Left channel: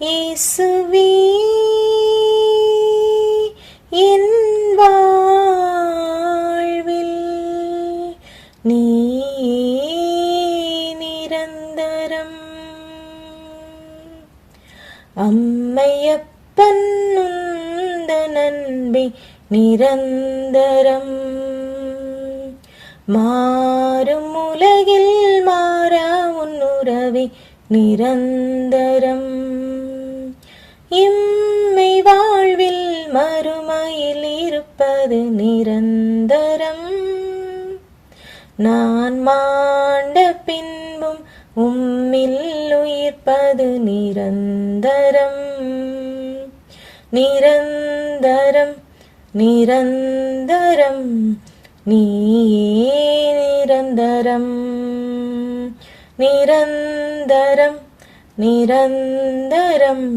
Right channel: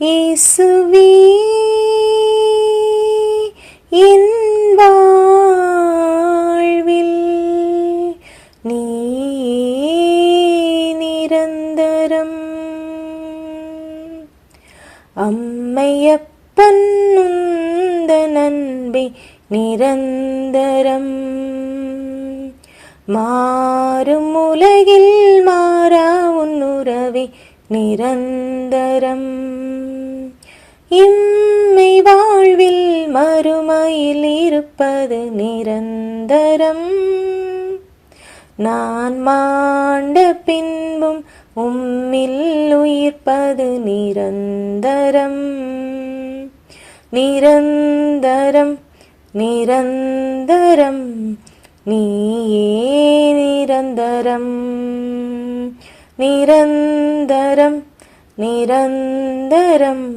இயேசுவே என் வாழ்வில் நீயே நிரந்தரம். அம்மையப்பன் உந்தன் அன்பே நிரந்தரம். மாறும் உலகில் மாறா உன் உறவே நிரந்தரம். இம்மை வாழ்வில் மறுமையில் இருப்பது நிரந்தரம். நான் மாண்ட பின்பும் உம்மில் உயிர்ப்பது நிரந்தரம். நிரந்தரம் நிரந்தரம் நீயே நிரந்தரம். நிரந்தரம் நிரந்தரம்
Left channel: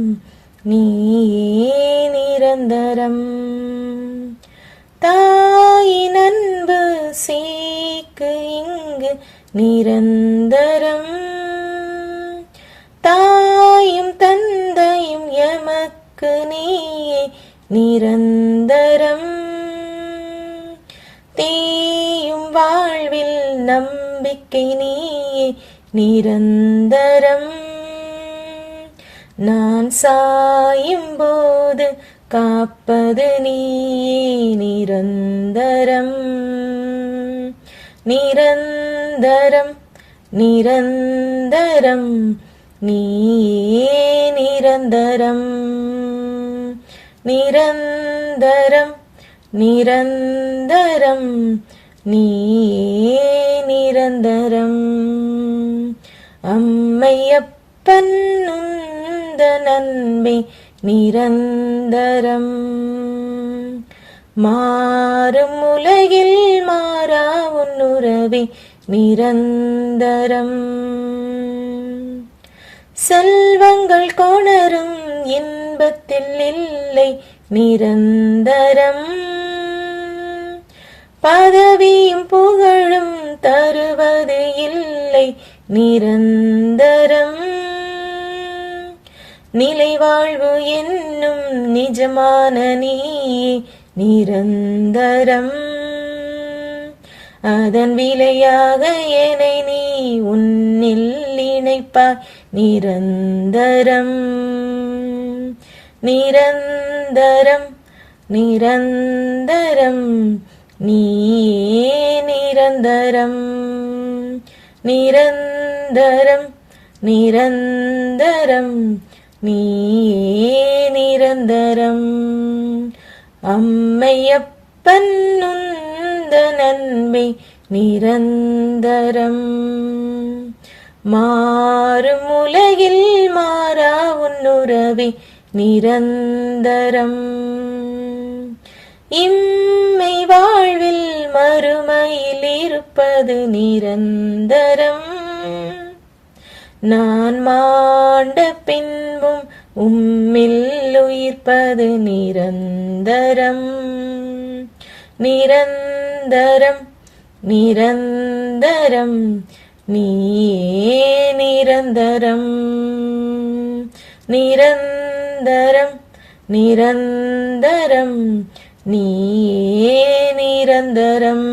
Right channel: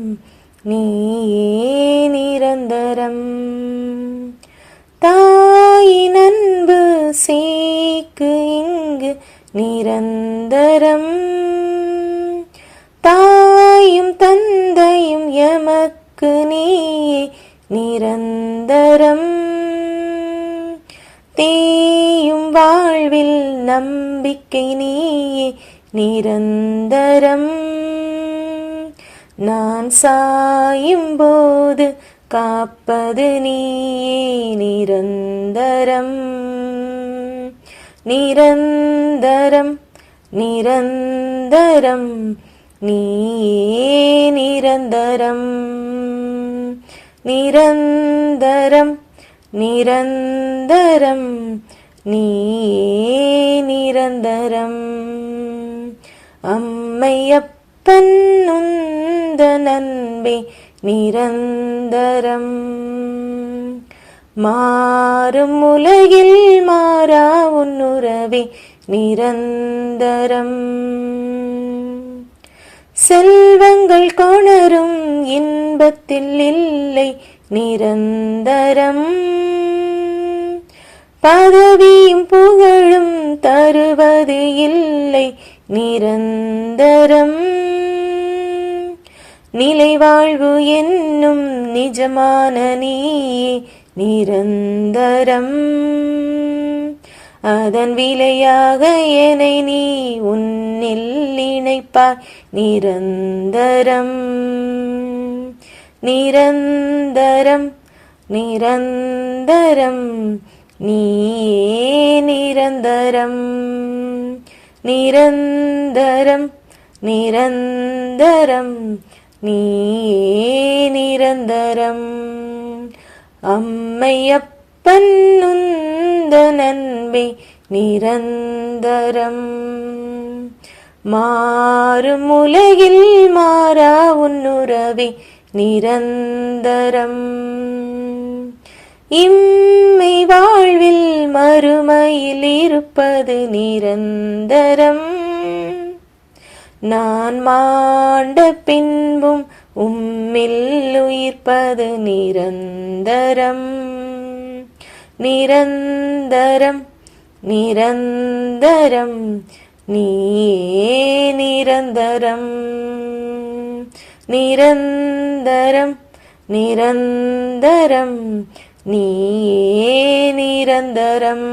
நீயே நிரந்தரம். தாயின் அன்பு சேக்கு இங்கு நிரந்தரம். தாயும் தந்தையும் எமக்கு நீயே நிரந்தரம். தீயும் வாழ்வில் நம்பிக்கை நீயே நிரந்தரம். நான் சாயும் போது காப்பது நீயே நிரந்தரம். நிரந்தரம் நிரந்தரம் நீயே நிரந்தரம். நிரந்தரம் நிரந்தரம் நீயே நிரந்தரம். அம்மையப்பன் உந்தன் அன்பே நிரந்தரம். மாறும் உலகில் மாறா உன் உறவே நிரந்தரம். செல்வங்கள் கொணரும் இன்பத்தில் இல்லை நிரந்தரம். பதவியும் புகழும் தருவது இல்லை நிரந்தரம். நிலை வாழ்வு என்னும் நிஜமான நீயே நிரந்தரம். அதன் விலையாக என்னை நீ உன்னில் இணைப்பாய் நிரந்தரம். நிரந்தரம் நிரந்தரம் நீயே நிரந்தரம். நிரந்தரம் நிரந்தரம் நீயே நிரந்தரம். அம்மையப்பன் உந்தன் அன்பே நிரந்தரம். மாறும் உலகில் மாறா உன் உறவே நிரந்தரம். இம்மை வாழ்வில் மறுமையில் இருப்பது நிரந்தரம். நான் மாண்ட பின்பும் உம்மில் உயிர்ப்பது நிரந்தரம். நிரந்தரம் நிரந்தரம் நீயே நிரந்தரம். நிரந்தரம் நிரந்தரம் நீயே நிரந்தரம்.